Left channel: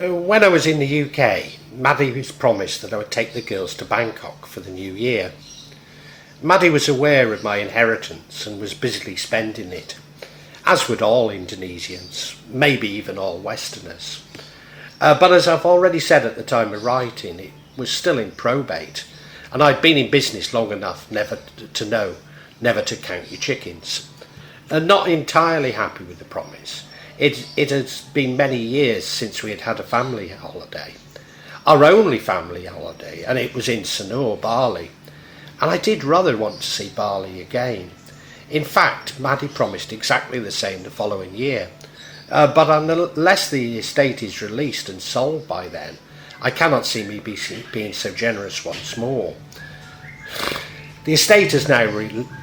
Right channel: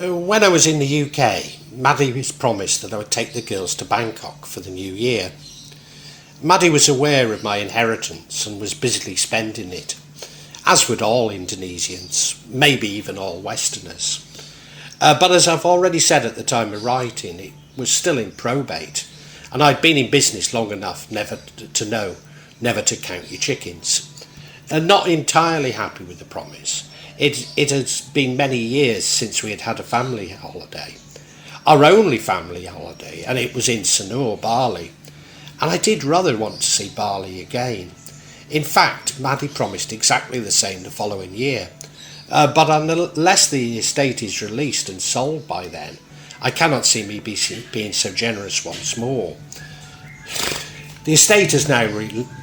When I was in the UK, Maddie was promised that I would take the girls to Bangkok for the new year. Maddie was aware of my inheritance and was busily spending it, as would all Indonesians, maybe even all Westerners. But as I've already said at the time of writing, it was still in probate, and I'd been in business long enough never to know never to count your chickens. And not entirely happy with the promise. It has been many years since we had had a family holiday. Our only family holiday, and it was in Sanur, Bali. And I did rather want to see Bali again. In fact, Maddie promised exactly the same the following year. But unless the estate is released and sold by then, I cannot see me being so generous once more. The estate has now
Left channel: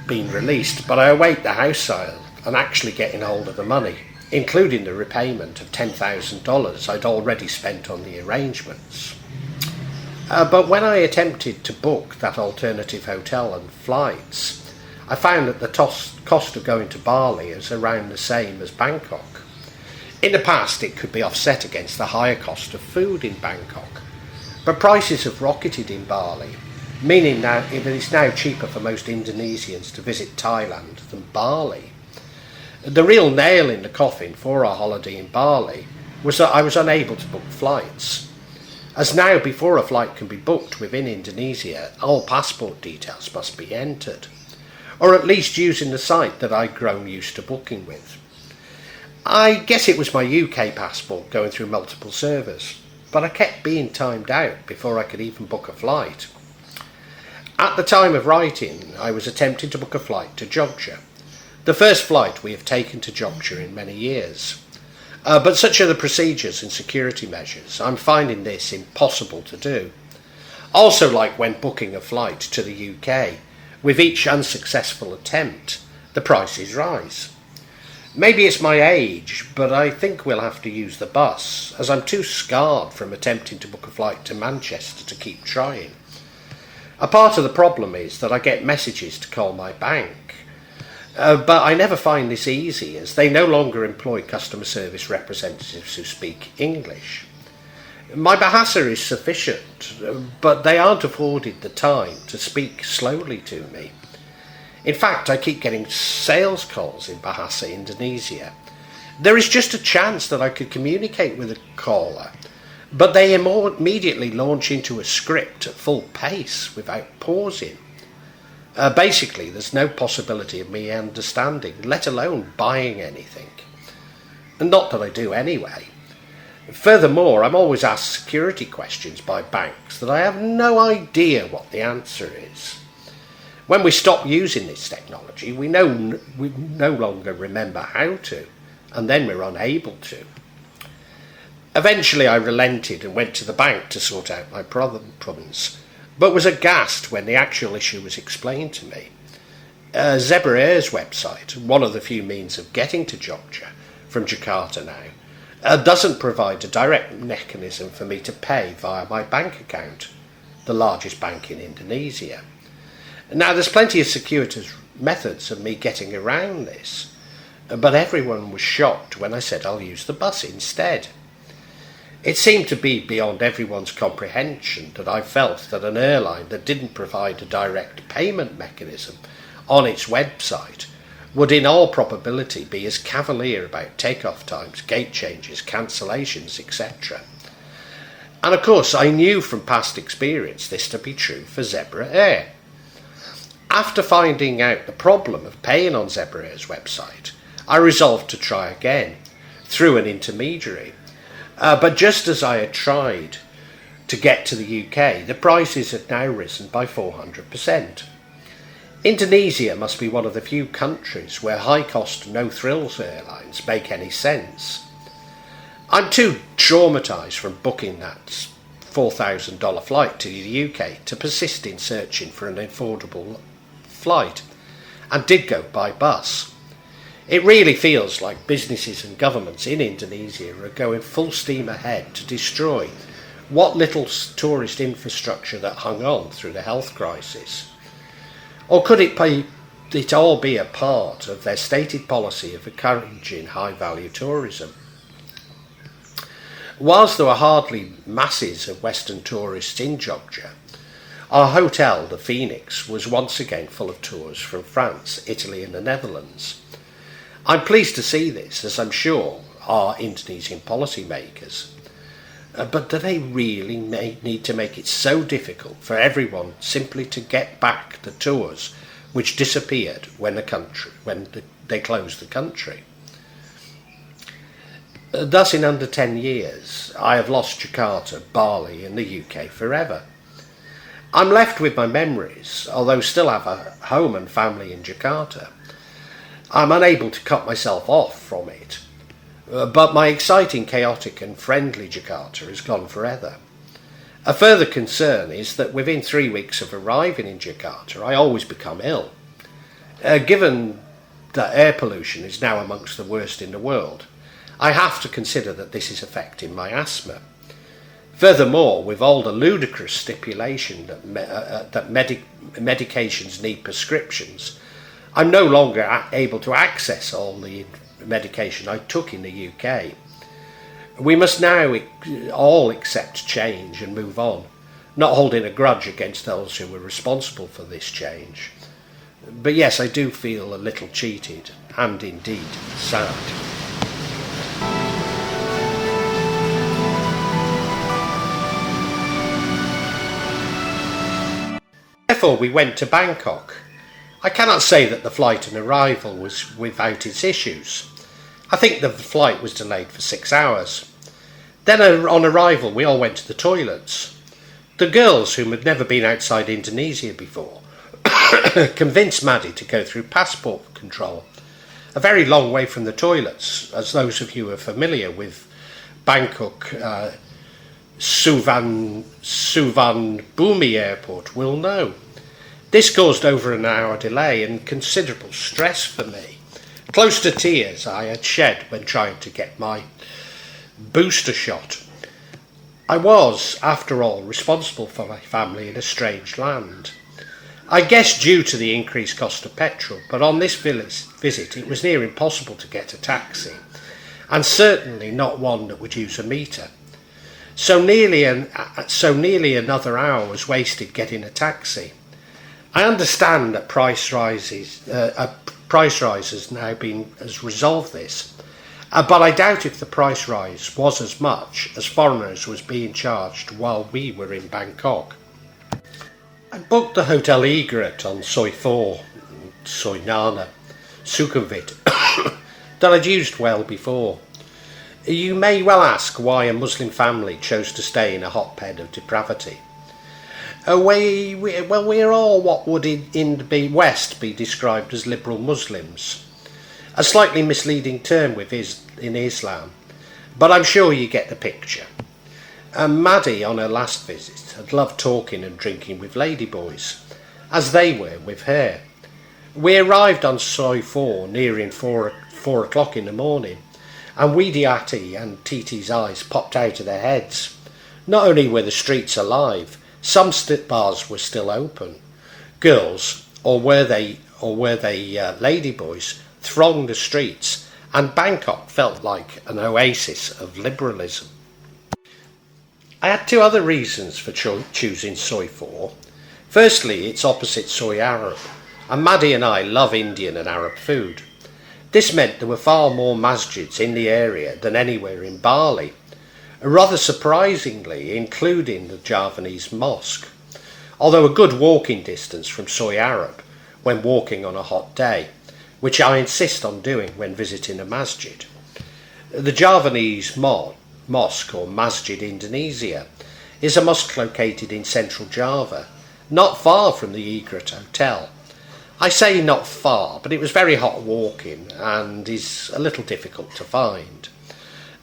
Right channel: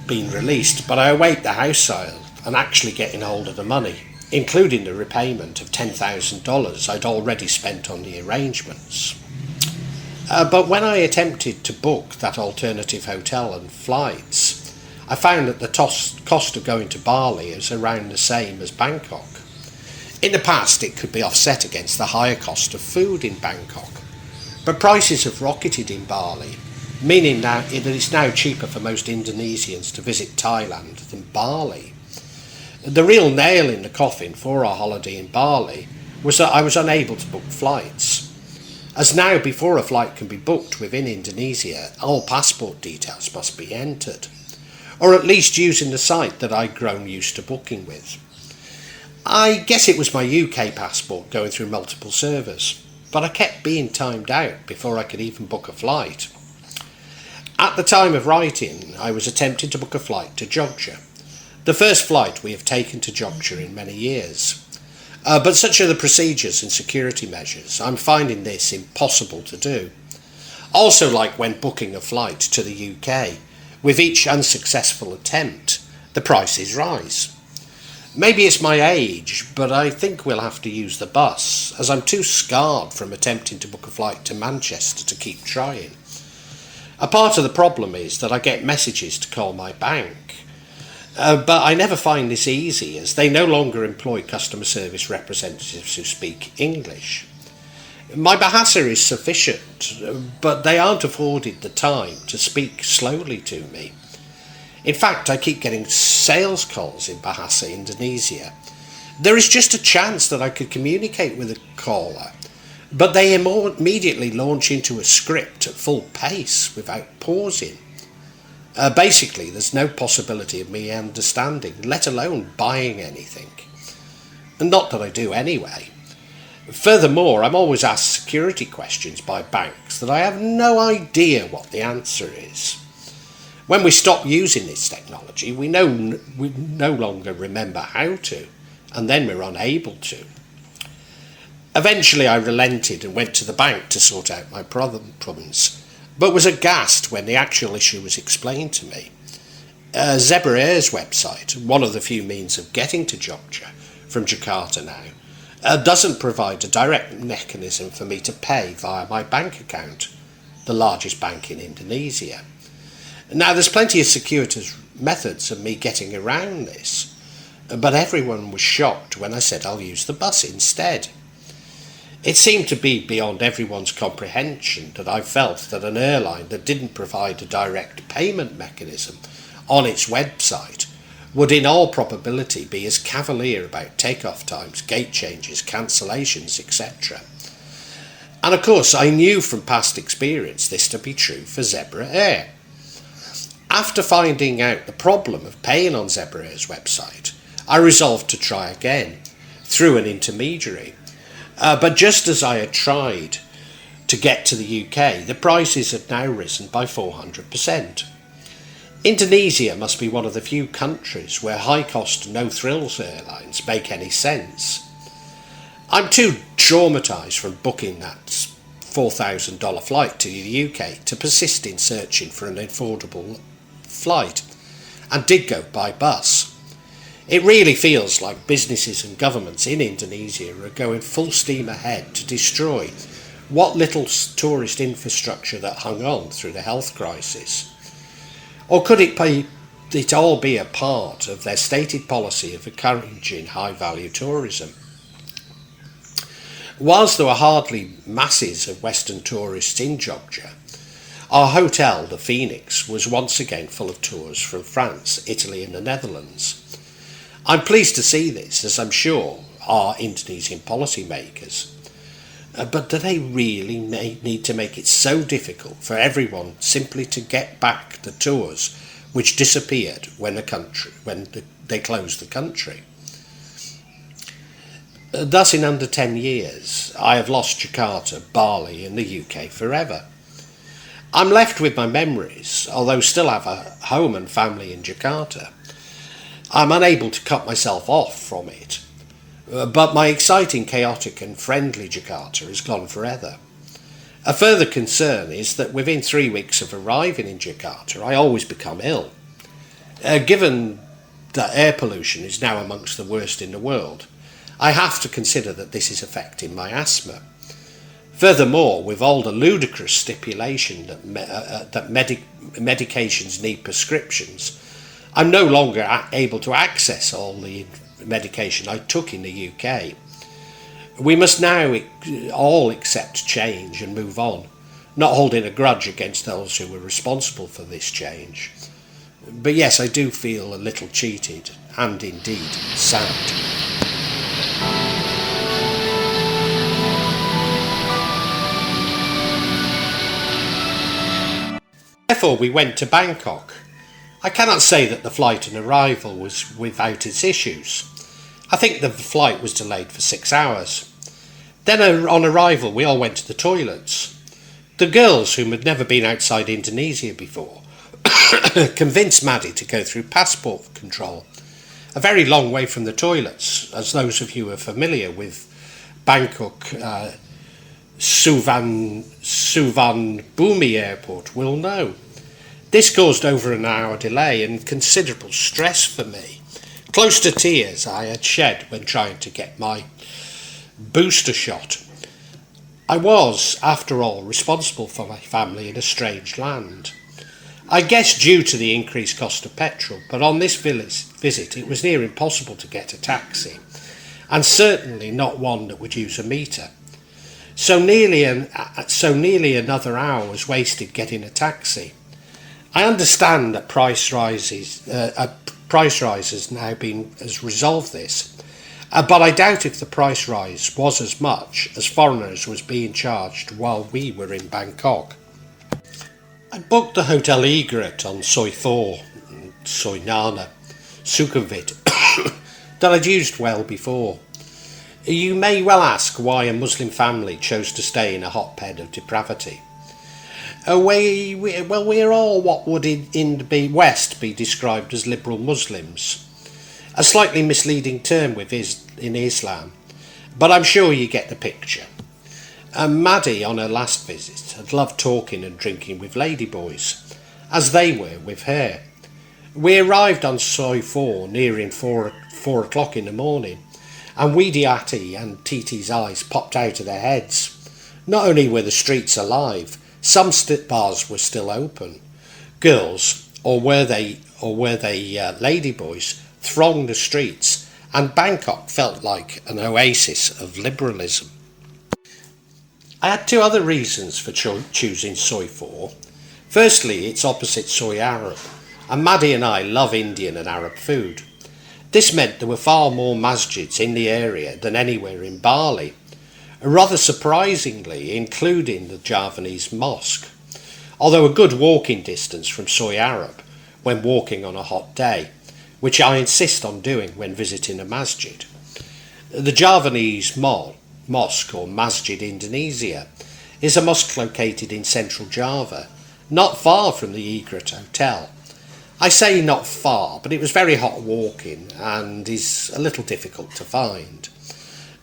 been released, but I await the house sale and actually getting hold of the money, including the repayment of $10,000 I'd already spent on the arrangements. But when I attempted to book that alternative hotel and flights, I found that the cost of going to Bali is around the same as Bangkok. In the past, it could be offset against the higher cost of food in Bangkok, but prices have rocketed in Bali, meaning that it is now cheaper for most Indonesians to visit Thailand than Bali. The real nail in the coffin for our holiday in Bali was that I was unable to book flights. As now, before a flight can be booked within Indonesia, all passport details must be entered, or at least using the site that I'd grown used to booking with. I guess it was my UK passport going through multiple servers, but I kept being timed out before I could even book a flight. At the time of writing, I was attempting to book a flight to Jogja, the first flight we have taken to Jogja in many years. But such are the procedures and security measures, I'm finding this impossible to do. Also, like when booking a flight to the UK, with each unsuccessful attempt, the prices rise. Maybe it's my age, but I think we'll have to use the bus, as I'm too scarred from attempting to book a flight to Manchester to keep trying. A part of the problem is that I get messages to call my bank, but I never find this easy, as they no longer employ customer service representatives who speak English. My Bahasa is sufficient, but they aren't afforded the time to speak slowly to me. In fact, I keep getting sales calls in Bahasa Indonesia. There is just a chance that I could communicate with a caller, but they immediately launch into a script at full pace without pausing. Basically, there's no possibility of me understanding, let alone buying anything. And not that I do anyway. Furthermore, I'm always asked security questions by banks that I have no idea what the answer is. When we stop using this technology, we no longer remember how to, and then we're unable to. Eventually I relented and went to the bank to sort out my problems, but was aghast when the actual issue was explained to me. Zebra Air's website, one of the few means of getting to Jogja from Jakarta now, doesn't provide a direct mechanism for me to pay via my bank account, the largest bank in Indonesia. Now, there's plenty of circuitous methods of me getting around this, but everyone was shocked when I said I'll use the bus instead. It seemed to be beyond everyone's comprehension that I felt that an airline that didn't provide a direct payment mechanism on its website would in all probability be as cavalier about takeoff times, gate changes, cancellations, etc. And of course, I knew from past experience this to be true for Zebra Air. After finding out the problem of paying on Zebra Air's website, I resolved to try again, through an intermediary. But just as I had tried to get to the UK, the prices had now risen by 400%. Indonesia must be one of the few countries where high-cost, no-frills airlines make any sense. I'm too traumatised from booking that $4,000 flight to the UK to persist in searching for an affordable flight, and did go by bus. It really feels like businesses and governments in Indonesia are going full steam ahead to destroy what little tourist infrastructure that hung on through the health crisis. Or could it all be a part of their stated policy of encouraging high-value tourism? Whilst there were hardly masses of Western tourists in Jogja, our hotel, the Phoenix, was once again full of tours from France, Italy and the Netherlands. I'm pleased to see this, as I'm sure are Indonesian policymakers. But do they really need to make it so difficult for everyone simply to get back the tours which disappeared when they closed the country? Thus, in under 10 years, I have lost Jakarta, Bali and the UK forever. I'm left with my memories, although still have a home and family in Jakarta. I'm unable to cut myself off from it, but my exciting, chaotic and friendly Jakarta is gone forever. A further concern is that within 3 weeks of arriving in Jakarta, I always become ill. Given that air pollution is now amongst the worst in the world, I have to consider that this is affecting my asthma. Furthermore, with all the ludicrous stipulation that medications need prescriptions, I'm no longer able to access all the medication I took in the UK. We must now all accept change and move on, not holding a grudge against those who were responsible for this change. But yes, I do feel a little cheated and indeed sad. Therefore we went to Bangkok. I cannot say that the flight and arrival was without its issues. I think the flight was delayed for 6 hours. Then on arrival we all went to the toilets. The girls, whom had never been outside Indonesia before, convinced Maddie to go through passport control, a very long way from the toilets, as those of you who are familiar with Bangkok Suvarnabhumi Airport will know. This caused over an hour delay and considerable stress for me. Close to tears I had shed when trying to get my booster shot. I was, after all, responsible for my family in a strange land. I guess due to the increased cost of petrol, but on this visit it was near impossible to get a taxi, and certainly not one that would use a meter. So nearly another hour was wasted getting a taxi. I understand that price rises now has resolved this, but I doubt if the price rise was as much as foreigners was being charged while we were in Bangkok. I booked the Hotel Egret on Soi 4, Soi Nana, Sukhumvit, that I'd used well before. You may well ask why a Muslim family chose to stay in a hotbed of depravity. We're all what would in the West be described as liberal Muslims, a slightly misleading term in Islam, but I'm sure you get the picture. Maddie, on her last visit, had loved talking and drinking with ladyboys, as they were with her. We arrived on Soi 4 nearing 4 o'clock in the morning, and Widiati and Titi's eyes popped out of their heads. Not only were the streets alive, some bars were still open. Girls, or were they ladyboys, thronged the streets, and Bangkok felt like an oasis of liberalism. I had two other reasons for choosing Soi 4. Firstly, it's opposite Soi Arab, and Maddie and I love Indian and Arab food. This meant there were far more masjids in the area than anywhere in Bali, rather surprisingly including the Javanese mosque, although a good walking distance from Soi Arab when walking on a hot day, which I insist on doing when visiting a masjid. The Javanese mosque, or Masjid Indonesia, is a mosque located in central Java, not far from the Egret Hotel. I say not far, but it was very hot walking and is a little difficult to find.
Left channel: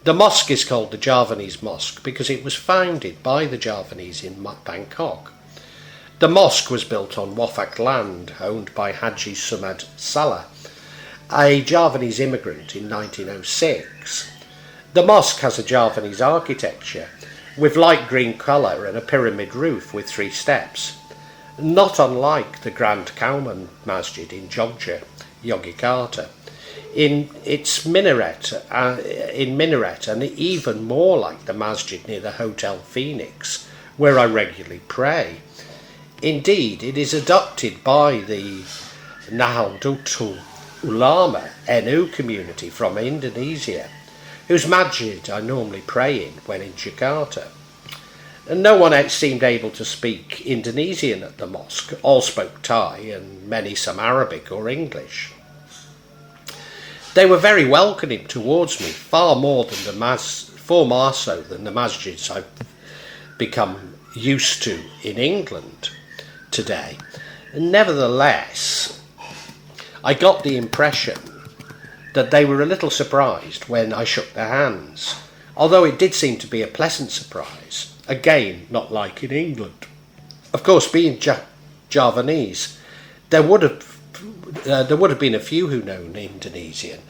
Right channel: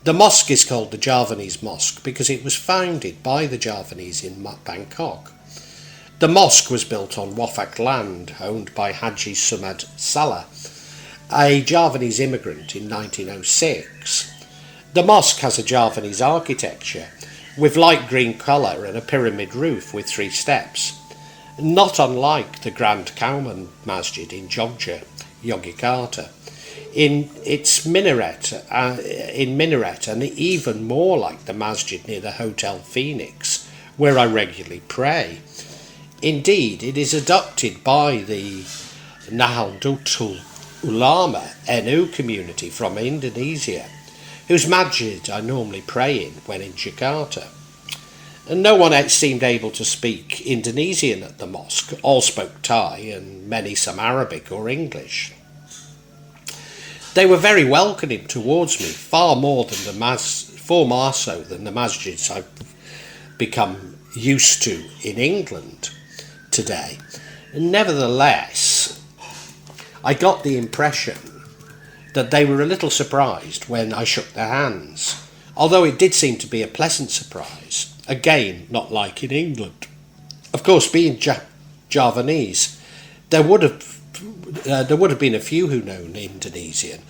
The mosque is called the Javanese Mosque because it was founded by the Javanese in Bangkok. The mosque was built on Wafak land owned by Haji Sumad Salah, a Javanese immigrant, in 1906. The mosque has a Javanese architecture with light green colour and a pyramid roof with 3 steps, not unlike the Grand Kauman Masjid in Jogja, Yogyakarta. in its minaret, and even more like the masjid near the Hotel Phoenix, where I regularly pray. Indeed, it is adopted by the Nahdlatul Ulama NU community from Indonesia, whose masjid I normally pray in when in Jakarta. And no one else seemed able to speak Indonesian at the mosque. All spoke Thai and many some Arabic or English. They were very welcoming towards me, far more so than the masjids I've become used to in England today. Nevertheless, I got the impression that they were a little surprised when I shook their hands, although it did seem to be a pleasant surprise, again not like in England. Of course, being Javanese, there would have been a few who know Indonesian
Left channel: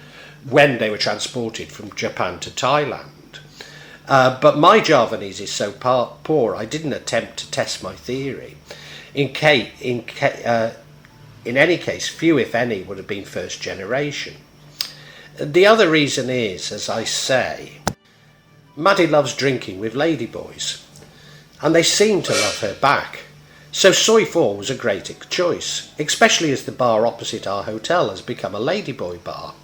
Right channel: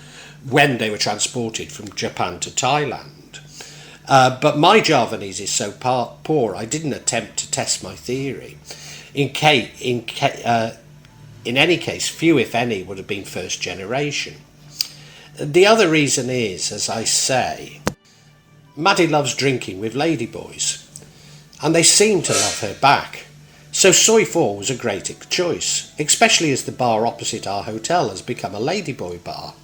when they were transported from Japan to Thailand. But my Javanese is so poor, I didn't attempt to test my theory. In any case, few, if any, would have been first generation. The other reason is, as I say, Maddie loves drinking with ladyboys, and they seem to love her back. So Soi 4 was a great choice, especially as the bar opposite our hotel has become a ladyboy bar.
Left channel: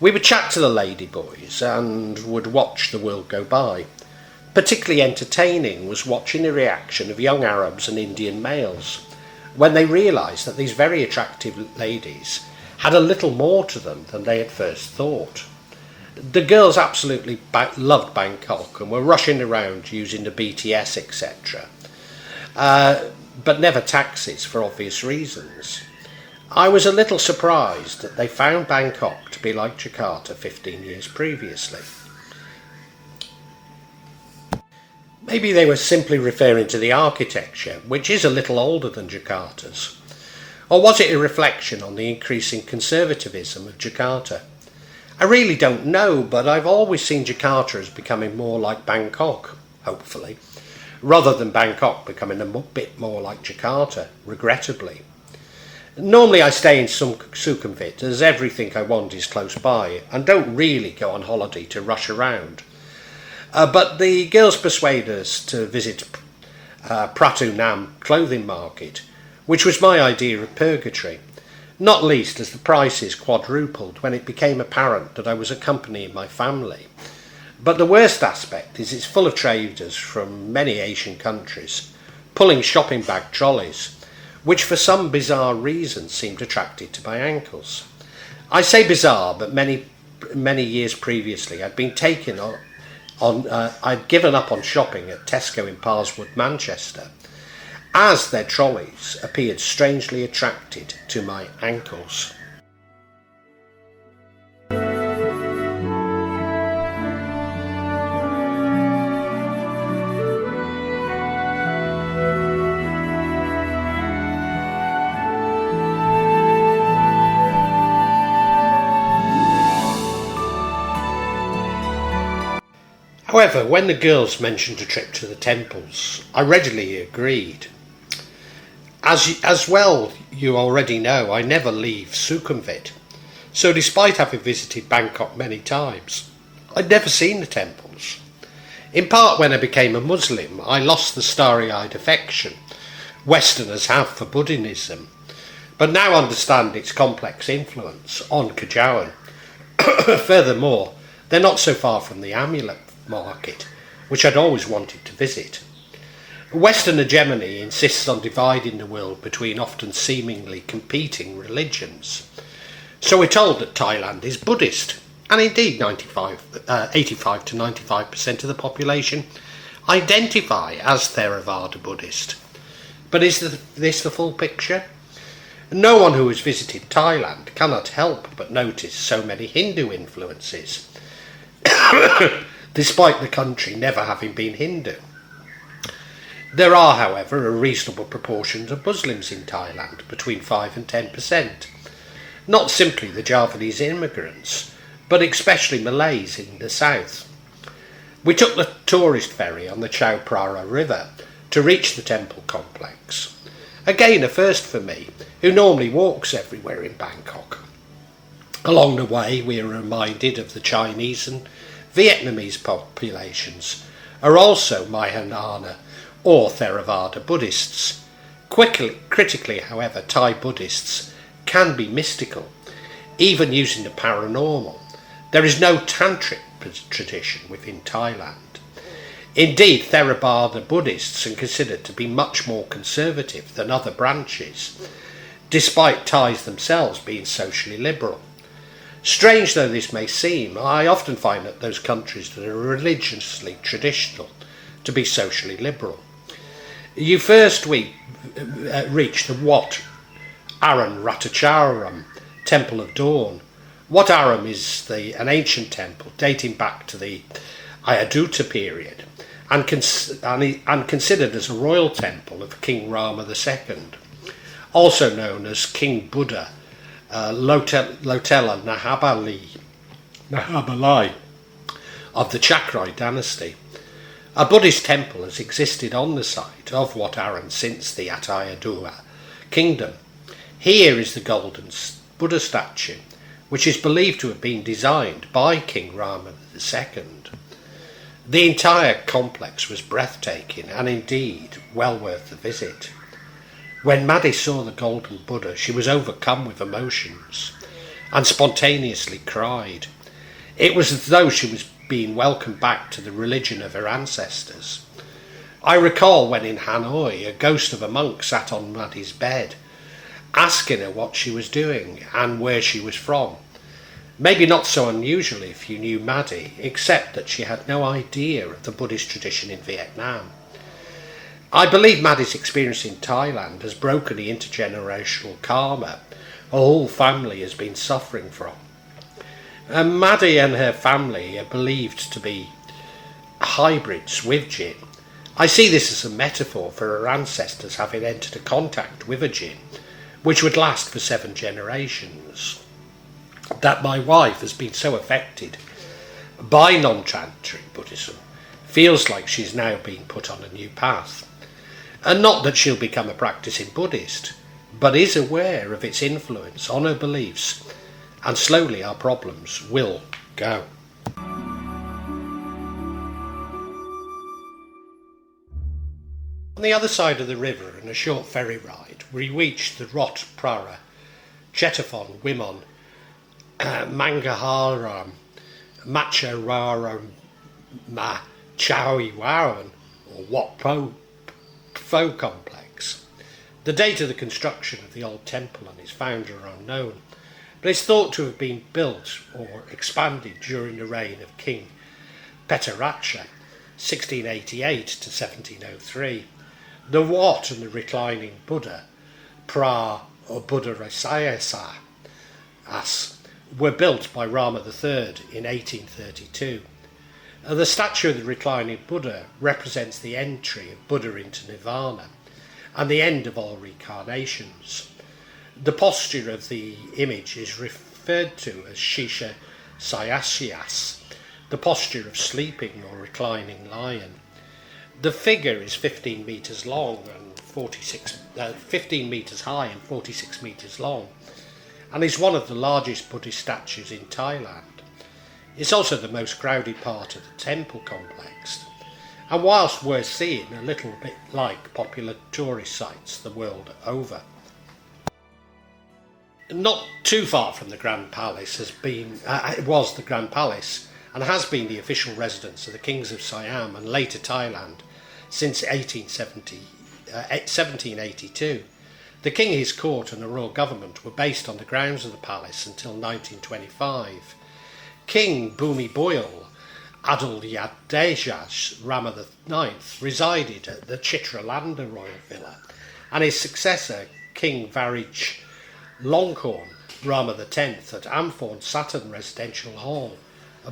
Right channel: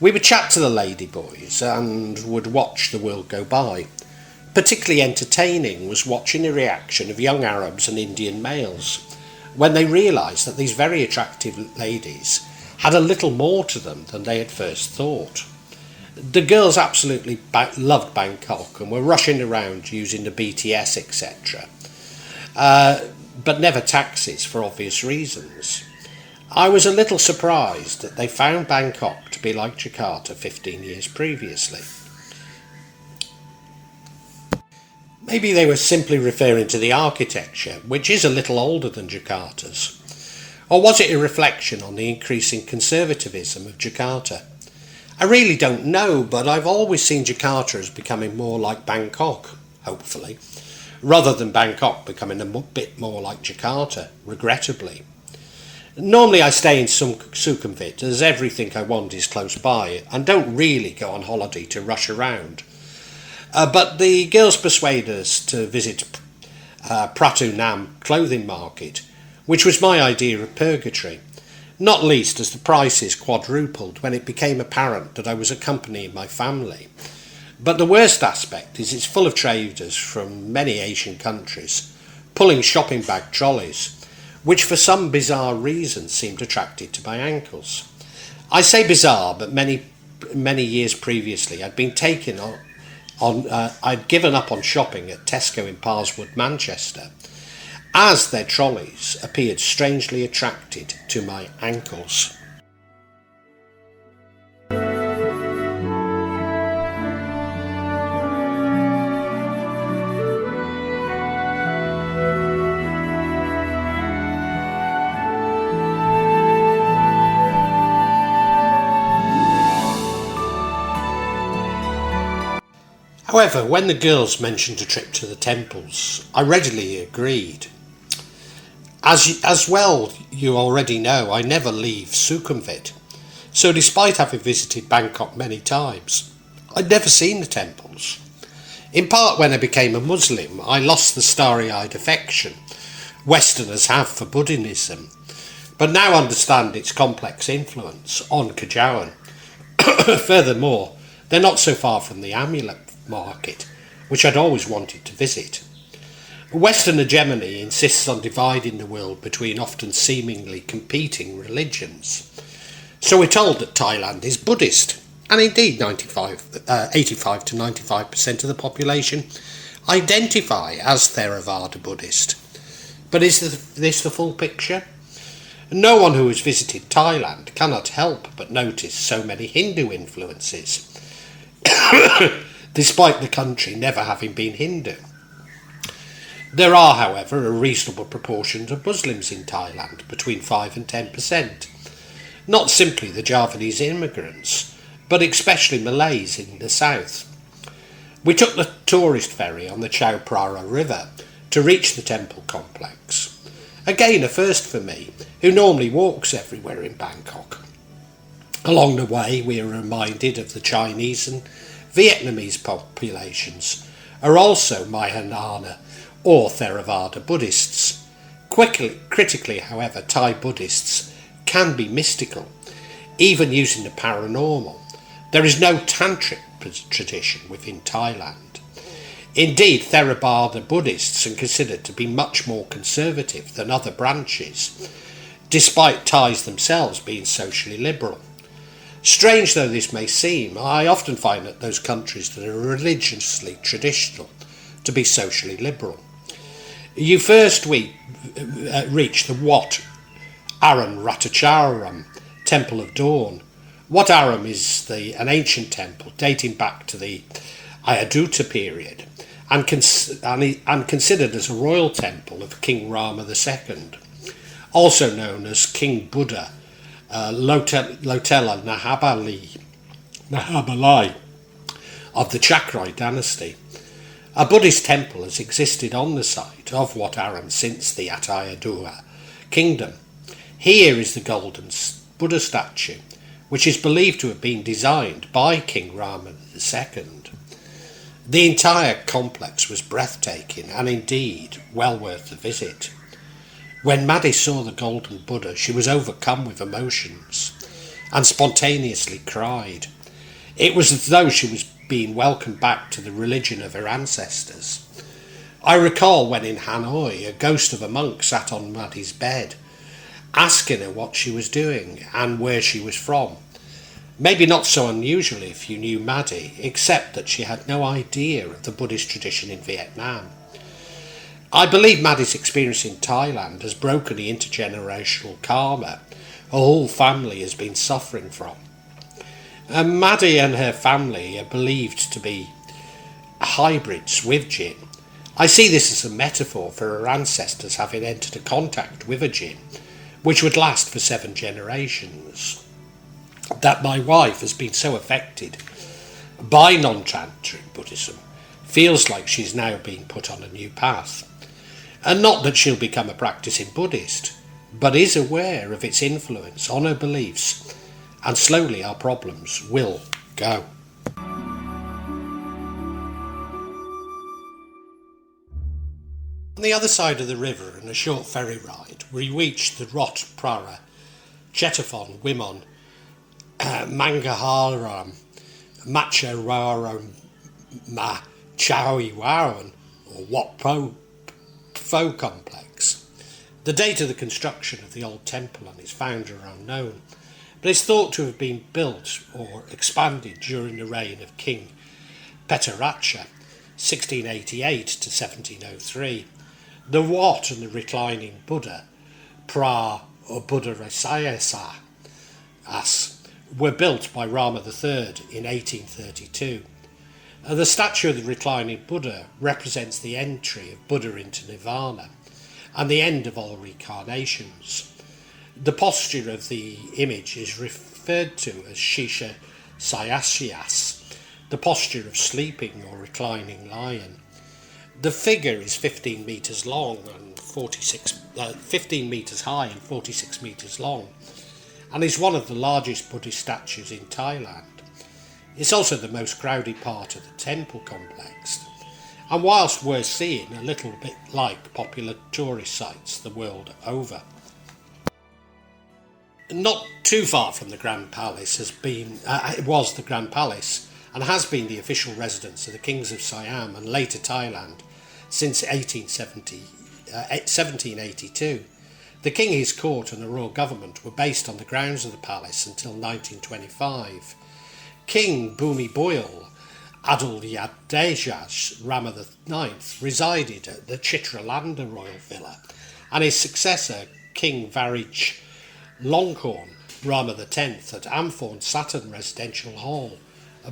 We would chat to the ladyboys and would watch the world go by. Particularly entertaining was watching the reaction of young Arabs and Indian males when they realised that these very attractive ladies had a little more to them than they had first thought. The girls absolutely loved Bangkok and were rushing around using the BTS, etc. But never taxis for obvious reasons. I was a little surprised that they found Bangkok to be like Jakarta 15 years previously. Maybe they were simply referring to the architecture, which is a little older than Jakarta's. Or was it a reflection on the increasing conservatism of Jakarta? I really don't know, but I've always seen Jakarta as becoming more like Bangkok, hopefully, rather than Bangkok becoming a bit more like Jakarta, regrettably. Normally I stay in Sukhumvit, as everything I want is close by, and don't really go on holiday to rush around. But the girls persuade us to visit Pratu Nam clothing market, which was my idea of purgatory, not least as the prices quadrupled when it became apparent that I was accompanying my family. But the worst aspect is it's full of traders from many Asian countries, pulling shopping bag trolleys, which for some bizarre reason seemed attracted to my ankles. I say bizarre, but many years previously I'd given up on shopping at Tesco in Parswood, Manchester, as their trolleys appeared strangely attracted to my ankles. However, when the girls mentioned a trip to the temples, I readily agreed. As well, you already know, I never leave Sukhumvit. So despite having visited Bangkok many times, I'd never seen the temples. In part when I became a Muslim, I lost the starry-eyed affection Westerners have for Buddhism, but now understand its complex influence on Kajawan. Furthermore, they're not so far from the amulet market, which I'd always wanted to visit. Western hegemony insists on dividing the world between often seemingly competing religions. So we're told that Thailand is Buddhist, and indeed 85 to 95% of the population identify as Theravada Buddhist. But is this the full picture? No one who has visited Thailand cannot help but notice so many Hindu influences, despite the country never having been Hindu. There are, however, a reasonable proportion of Muslims in Thailand, between 5 and 10%. Not simply the Javanese immigrants, but especially Malays in the south. We took the tourist ferry on the Chao Phraya River to reach the temple complex. Again, a first for me, who normally walks everywhere in Bangkok. Along the way, we are reminded of the Chinese and Vietnamese populations are also Mahayana or Theravada Buddhists. Critically, however, Thai Buddhists can be mystical, even using the paranormal. There is no Tantric tradition within Thailand. Indeed, Theravada Buddhists are considered to be much more conservative than other branches, despite Thais themselves being socially liberal. Strange though this may seem, I often find that those countries that are religiously traditional to be socially liberal. You first reach the Wat Arun Ratacharam Temple of Dawn. Wat Arun is an ancient temple dating back to the Ayodhya period and considered as a royal temple of King Rama II, also known as King Buddha, Lotela Nahabalai of the Chakrai dynasty. A Buddhist temple has existed on the site of Wat Arun since the Ayodhya kingdom. Here is the Golden Buddah statue, which is believed to have been designed by King Rama II. The entire complex was breathtaking and indeed well worth the visit. When Maddie saw the Golden Buddah, she was overcome with emotions and spontaneously cried. It was as though she was being welcomed back to the religion of her ancestors. I recall when in Hanoi, a ghost of a monk sat on Maddie's bed, asking her what she was doing and where she was from. Maybe not so unusual if you knew Maddie, except that she had no idea of the Buddhist tradition in Vietnam. I believe Maddie's experience in Thailand has broken the intergenerational karma her whole family has been suffering from. Maddie and her family are believed to be hybrids with jinn. I see this as a metaphor for her ancestors having entered a contact with a jinn, which would last for 7 generations. That my wife has been so affected by non-Tantric Buddhism feels like she's now being put on a new path. And not that she'll become a practicing Buddhist, but is aware of its influence on her beliefs, and slowly our problems will go. On the other side of the river, in a short ferry ride, we reached the Rot Prara, Chetafon, Wimon, Mangaharam, Machawaram, Machawiwaran, or Wat Pho complex. The date of the construction of the old temple and its founder are unknown, but it's thought to have been built or expanded during the reign of King Petaracha, 1688 to 1703. The Wat and the reclining Buddha, Pra or Buddha Rasayasa, were built by Rama III in 1832. The statue of the reclining Buddha represents the entry of Buddha into Nirvana and the end of all reincarnations. The posture of the image is referred to as Shisha Sayasyas, the posture of sleeping or reclining lion. The figure is 15 metres long and 15 metres high and 46 metres long, and is one of the largest Buddhist statues in Thailand. It's also the most crowded part of the temple complex, and whilst worth seeing, a little bit like popular tourist sites the world over. Not too far from the Grand Palace was the Grand Palace, and has been the official residence of the kings of Siam and later Thailand since 1782. The king, his court and the royal government were based on the grounds of the palace until 1925. King Bhumi Boyle Adulyadej Rama IX resided at the Chitralanda royal villa, and his successor King Varij Longkorn Rama X at Amphorn Saturn Residential Hall,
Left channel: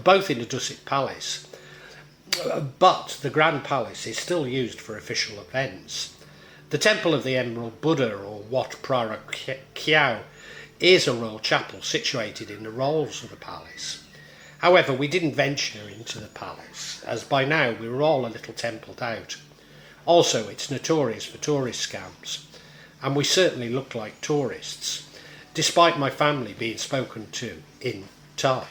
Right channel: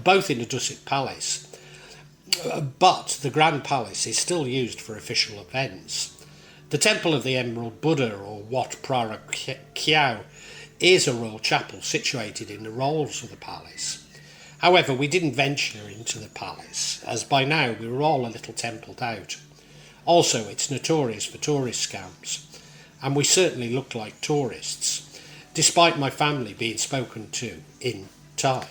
both in the Dusit Palace. But the Grand Palace is still used for official events. The Temple of the Emerald Buddha, or Wat Prara Kiao, is a royal chapel situated in the rolls of the palace. However, we didn't venture into the palace, as by now we were all a little templed out. Also, it's notorious for tourist scams, and we certainly looked like tourists. despite my family being spoken to in Thai.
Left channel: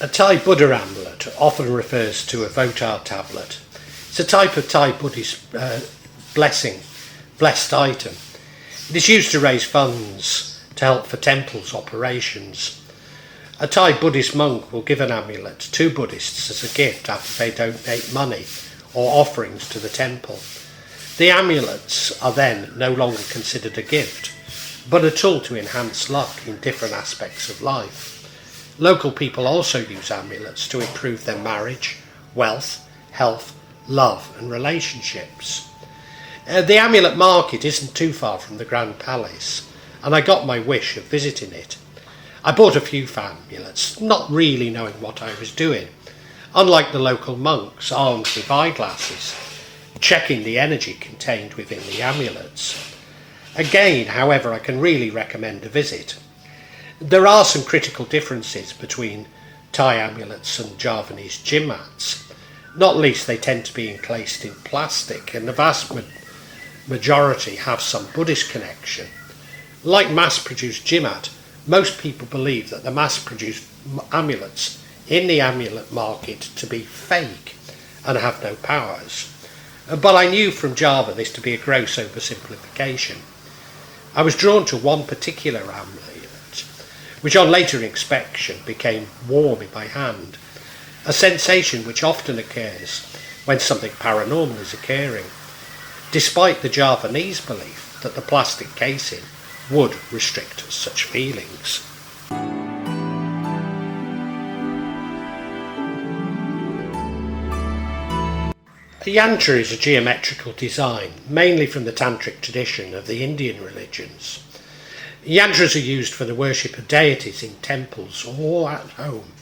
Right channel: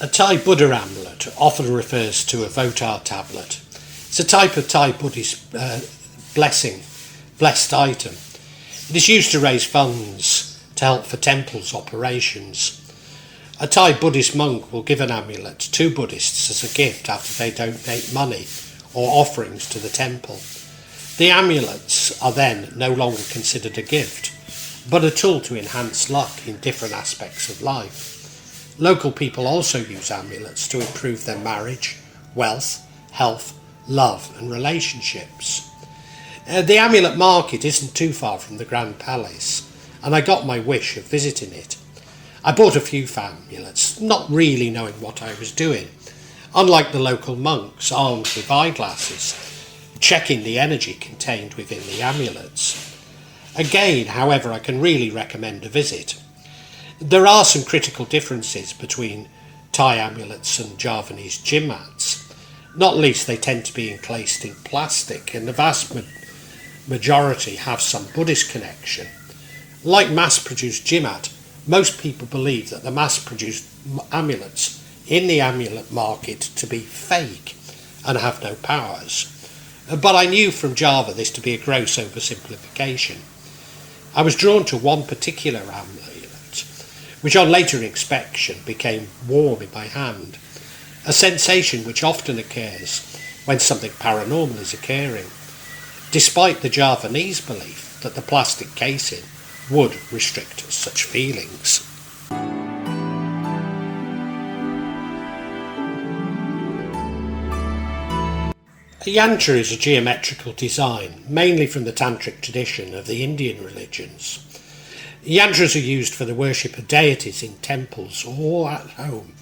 A Thai Buddha amulet often refers to a Votar tablet. It's a type of Thai Buddhist blessed item. It is used to raise funds to help for temples' operations. A Thai Buddhist monk will give an amulet to Buddhists as a gift after they donate money or offerings to the temple. The amulets are then no longer considered a gift, but a tool to enhance luck in different aspects of life. Local people also use amulets to improve their marriage, wealth, health, love and relationships. The amulet market isn't too far from the Grand Palace, and I got my wish of visiting it. I bought a few amulets, not really knowing what I was doing. Unlike the local monks armed with eyeglasses, checking the energy contained within the amulets. Again, however, I can really recommend a visit. There are some critical differences between Thai amulets and Javanese gym mats. Not least, they tend to be encased in plastic, and the vast majority have some Buddhist connection. Like mass-produced gym mat, most people believe that the mass-produced amulets in the amulet market to be fake and have no powers. But I knew from Java this to be a gross oversimplification. I was drawn to one particular amulet, which on later inspection became warm in my hand, a sensation which often occurs when something paranormal is occurring, despite the Javanese belief that the plastic casing would restrict such feelings. The yantra is a geometrical design, mainly from the Tantric tradition of the Indian religions. Yantras are used for the worship of deities in temples or at home,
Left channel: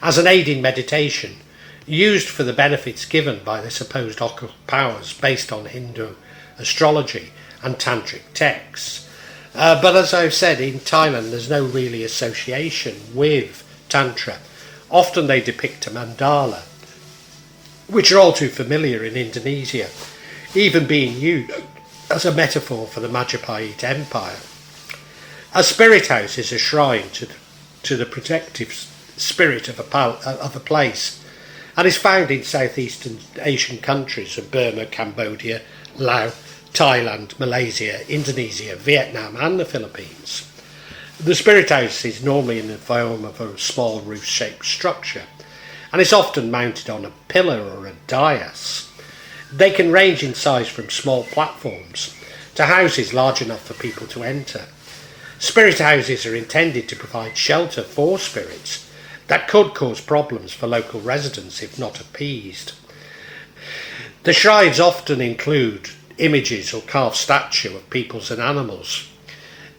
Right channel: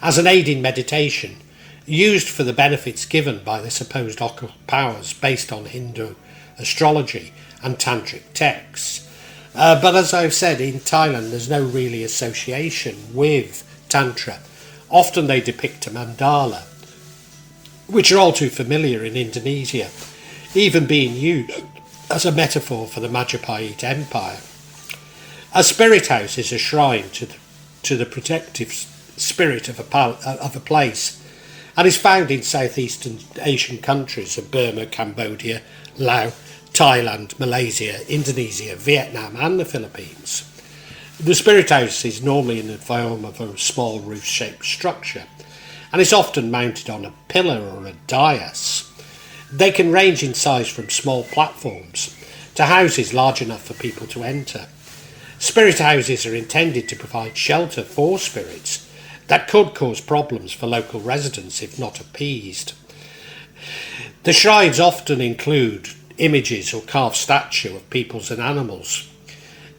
as an aid in meditation, used for the benefits given by the supposed occult powers based on Hindu astrology and Tantric texts. But as I've said, in Thailand there's no really association with Tantra. Often they depict a mandala, which are all too familiar in Indonesia, even being used as a metaphor for the Majapahit Empire. A spirit house is a shrine to the protective spirit of a place, and is found in Southeast Asian countries of Burma, Cambodia, Laos, Thailand, Malaysia, Indonesia, Vietnam and the Philippines. The spirit house is normally in the form of a small roof-shaped structure, and is often mounted on a pillar or a dais. They can range in size from small platforms to houses large enough for people to enter. Spirit houses are intended to provide shelter for spirits that could cause problems for local residents if not appeased. The shrines often include images or carved statue of peoples and animals,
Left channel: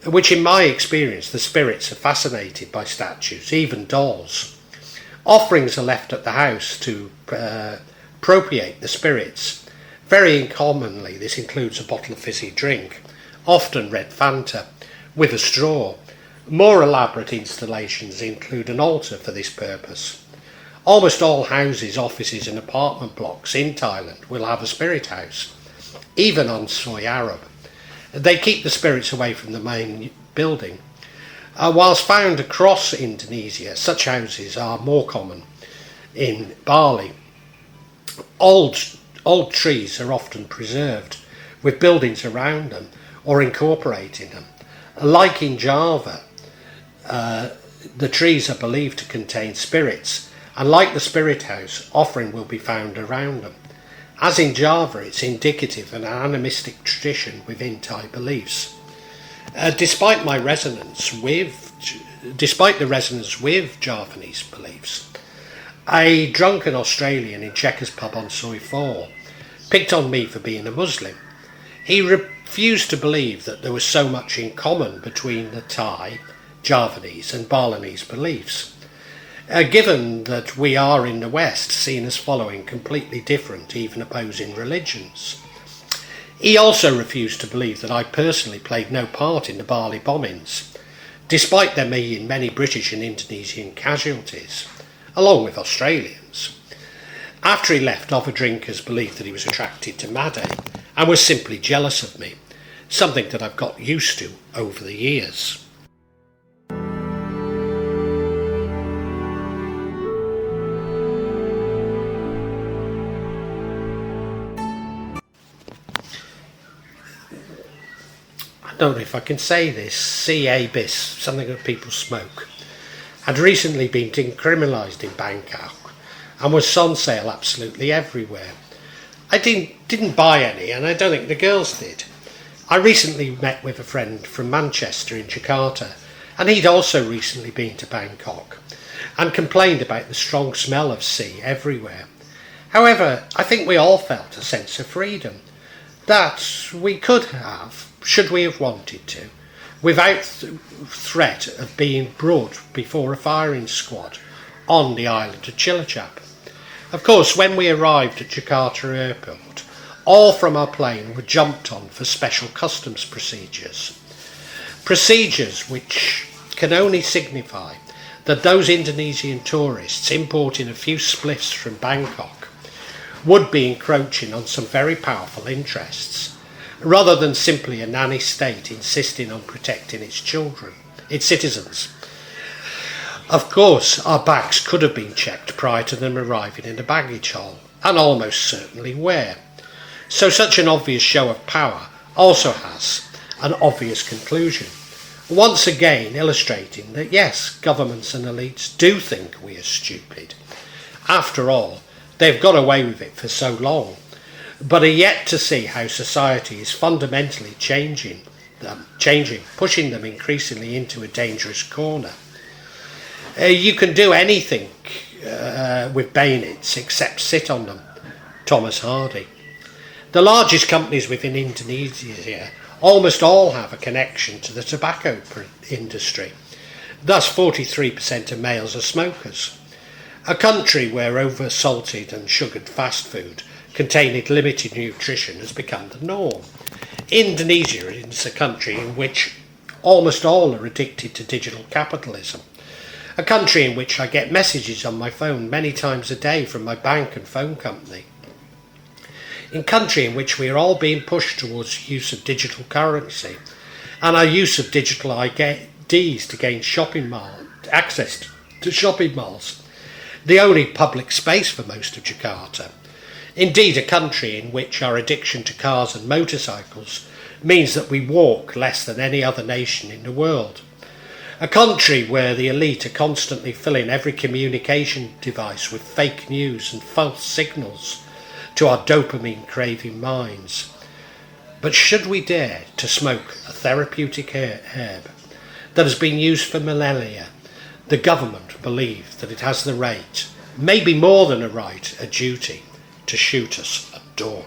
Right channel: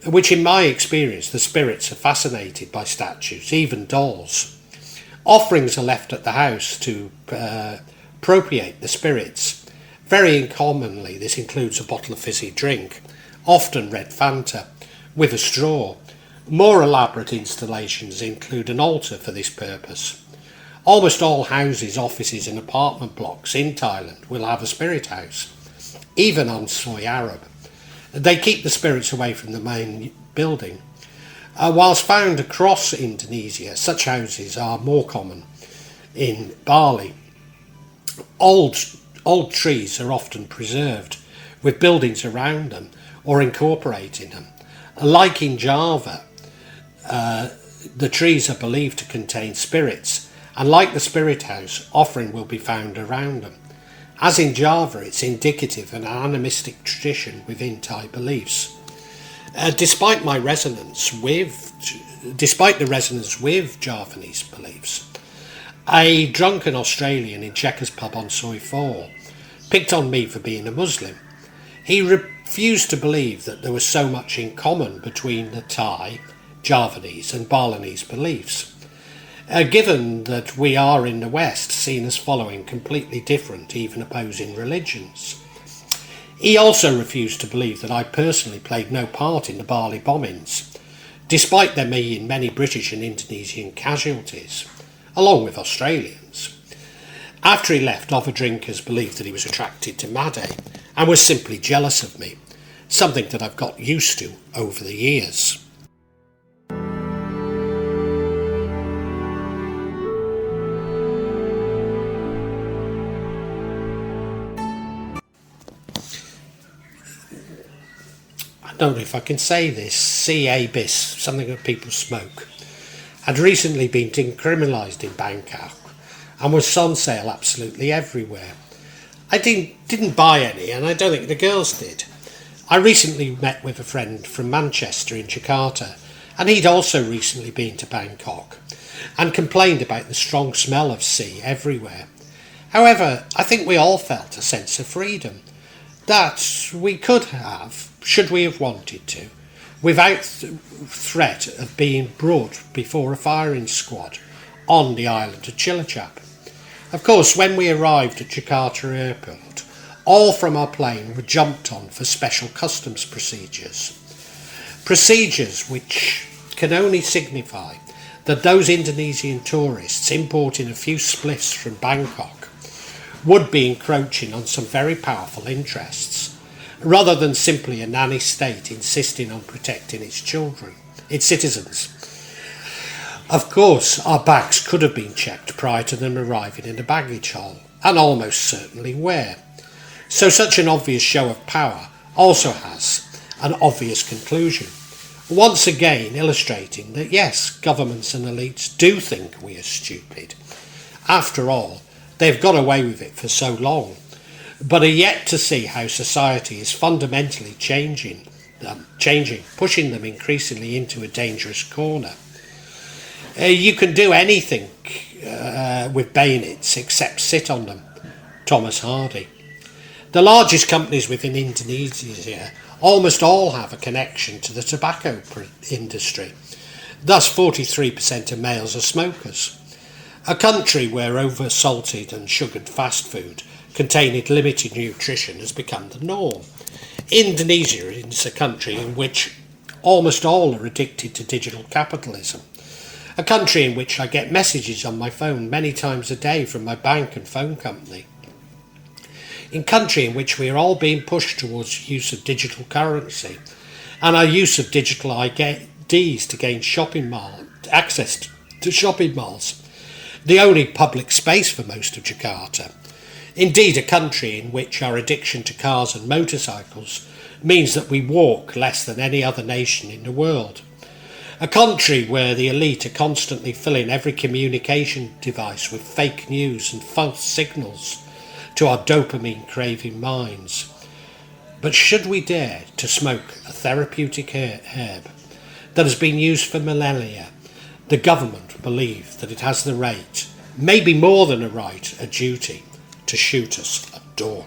which in my experience the spirits are fascinated by statues, even dolls. Offerings are left at the house to propitiate the spirits. Very commonly this includes a bottle of fizzy drink, often red Fanta, with a straw. More elaborate installations include an altar for this purpose. Almost all houses, offices and apartment blocks in Thailand will have a spirit house, even on Soy Arab. They keep the spirits away from the main building. Whilst found across Indonesia, such houses are more common in Bali. Old trees are often preserved, with buildings around them or incorporating them. Like in Java, the trees are believed to contain spirits, and like the spirit house, offering will be found around them. As in Java, it's indicative of an animistic tradition within Thai beliefs. Despite the resonance with Javanese beliefs, a drunken Australian in Checkers pub on Soi 4 picked on me for being a Muslim. He refused to believe that there was so much in common between the Thai, Javanese and Balinese beliefs, given that we are in the West seen as following completely different, even opposing religions. He also refused to believe that I personally played no part in the Bali bombings, despite there being many British and Indonesian casualties, along with Australians. After he left, other drinkers believed that he was attracted to Made and was simply jealous of me, something that I've got used to over the years. don't know if I can say this, C-A-bis, something that people smoke, had recently been decriminalised in Bangkok and was on sale absolutely everywhere. I didn't buy any, and I don't think the girls did. I recently met with a friend from Manchester in Jakarta, and he'd also recently been to Bangkok and complained about the strong smell of C everywhere. However, I think we all felt a sense of freedom that we could have, should we have wanted to, without threat of being brought before a firing squad on the island of Cilacap. Of course, when we arrived at Jakarta airport, all from our plane were jumped on for special customs procedures. Procedures which can only signify that those Indonesian tourists importing a few spliffs from Bangkok would be encroaching on some very powerful interests, rather than simply a nanny state insisting on protecting its children, its citizens. Of course, our bags could have been checked prior to them arriving in the baggage hall, and almost certainly were. So such an obvious show of power also has an obvious conclusion, once again illustrating that yes, governments and elites do think we are stupid. After all, they've got away with it for so long, but are yet to see how society is fundamentally changing, pushing them increasingly into a dangerous corner. You can do anything with bayonets except sit on them. Thomas Hardy. The largest companies within Indonesia almost all have a connection to the tobacco industry. Thus 43% of males are smokers. A country where over-salted and sugared fast food containing limited nutrition has become the norm. Indonesia is a country in which almost all are addicted to digital capitalism. A country in which I get messages on my phone many times a day from my bank and phone company. A country in which we are all being pushed towards use of digital currency and our use of digital IDs to gain access to shopping malls, the only public space for most of Jakarta. Indeed, a country in which our addiction to cars and motorcycles means that we walk less than any other nation in the world. A country where the elite are constantly filling every communication device with fake news and false signals to our dopamine-craving minds. But should we dare to smoke a therapeutic herb that has been used for millennia, the government believes that it has the right, maybe more than a right, a duty, to shoot us at dawn.